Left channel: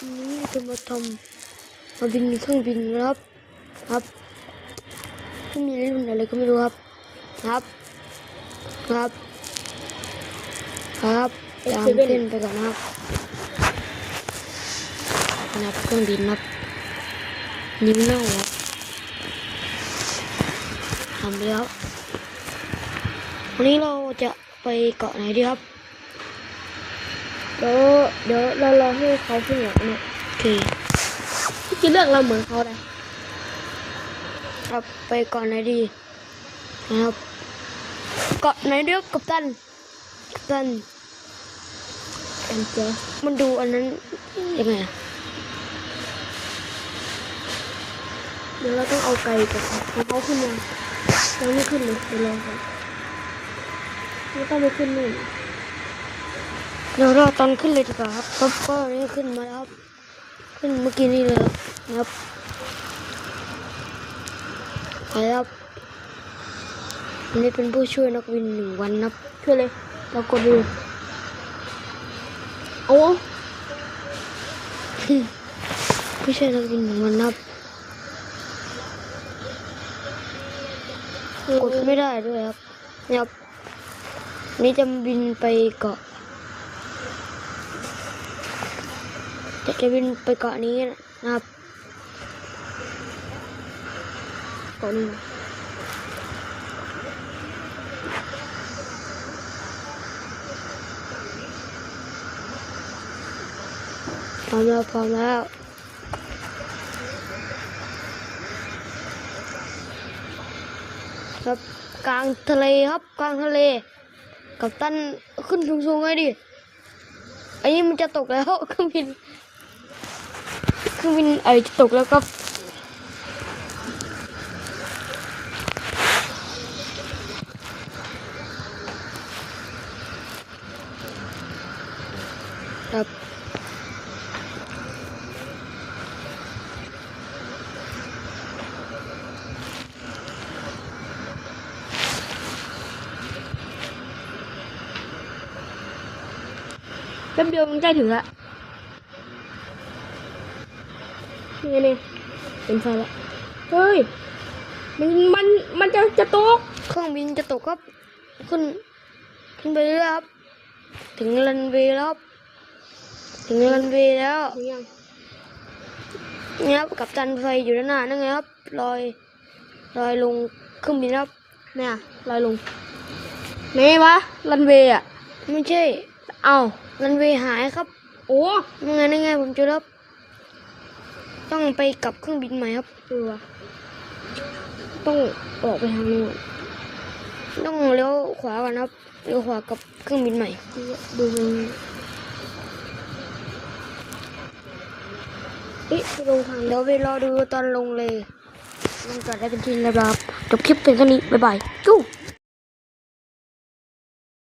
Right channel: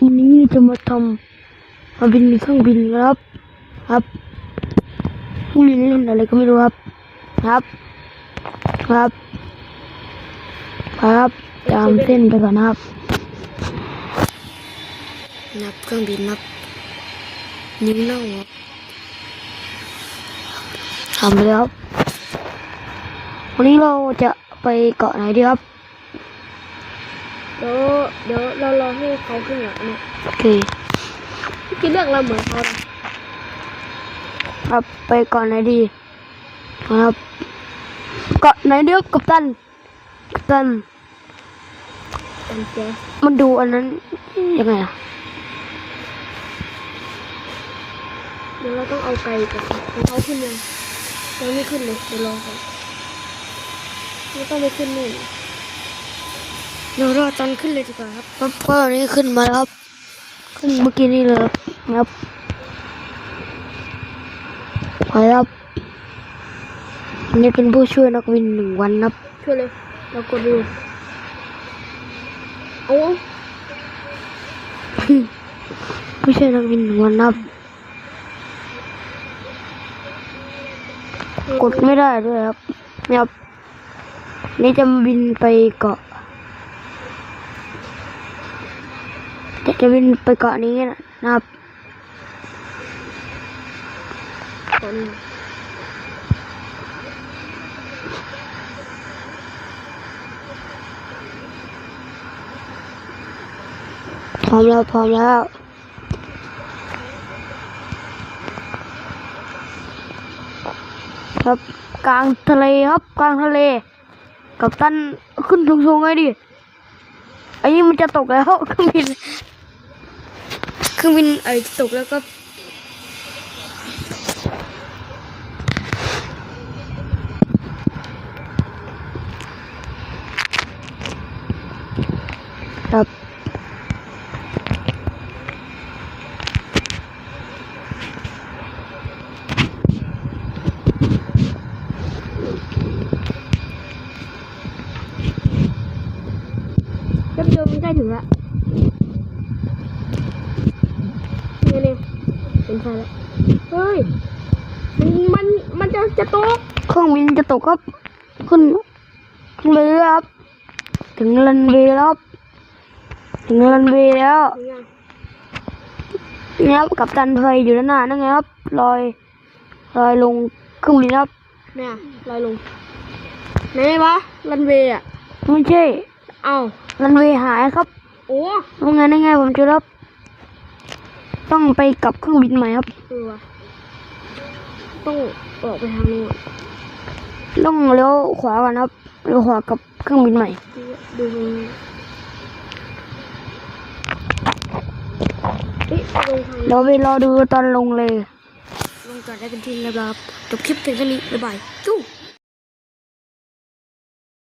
วันนี้จะมาทำมาบินเครื่องบินครับ ครับผู้เล่นเล่นอะไรก็ไม่รู้ครับ ครับ ครับครับตามเส้นไปก่อนนะครับนะครับเครื่องบินครับนิ้มเน่าครับทำไปแล้วครับวันนี้เราจะไปเกาะไหนดีครับ เดี๋ยวเดี๋ยวเรารอให้เขาขึ้นเหนือนะโอเคที่เลือกเราเหมือนเขาเลยครับไปเกาะไหนดีครับเกาะไหนเดียวกัปตันกัปตันอันแจ๊สมันดูอันนั้นยังไงอะเดี๋ยวเราต้องเอาไปกับเขาขึ้นมายังไม่ขึ้นเลยเดี๋ยวรอก่อนไม่ต้องไปขึ้นนี่ เดี๋ยวรอตอนขึ้นเลยดีกว่าครับครับก็อันนี้ขึ้นมาแล้วครับ ขึ้นเมื่อกี้นี่เลยครับครับไปครับอันนี้เป็นผู้ช่วยนักบินหนึ่งวันครับช่วยเลยเรากดดูเอาผู้ช่วยนักบินหนึ่งวันครับกดไม่ได้ด้วยครับเนี่ยครับนี่จะบินไปเกาะ จะจะบินไปเกาะนี้นะครับคนพร้อมแล้วพร้อมแล้วครับกลางทะเลครับกลางทะเล กับตันขึ้นสูงๆไงดิ อันนี้มันจะตกแล้วเค รื่องบินเครื่องบินไอตกแล้วครับครับแป๊บเดียวมันใกล้ถึงละนี่นี่ เห็นไฟแล้วเฮ้ยมันมันมันจะจะตกเครื่องบินจะตกครับขึ้นขึ้นไปเรื่อยครับ ถึงรันเวย์แล้วครับถึงรันเวย์แล้วนี่ครับกับตันไฟอยู่ด้านหน้านั่นไงครับลอยลอยลงเครื่องบินครับเนี่ยลอยลงไหนวะรันเวย์อะไม่ใช่ เอ้ารันเวย์หายครับ โอ้ยังไงยังไงผมจะรับ ต้องไปกลับเครื่องบินใหม่ครับเออวะต้องออกไปทางนู้นต้องเลี้ยวขวาก่อนครับเลี้ยวขวากับเครื่องบินใหม่ ดูตรงนี้เอ๊ะลงทางเดี๋ยวไปรอดูตอนลงเลยลงก่อนได้เป็นทีแล้วครับจบคลิปเพียงเท่านี้บ๊ายบายจู้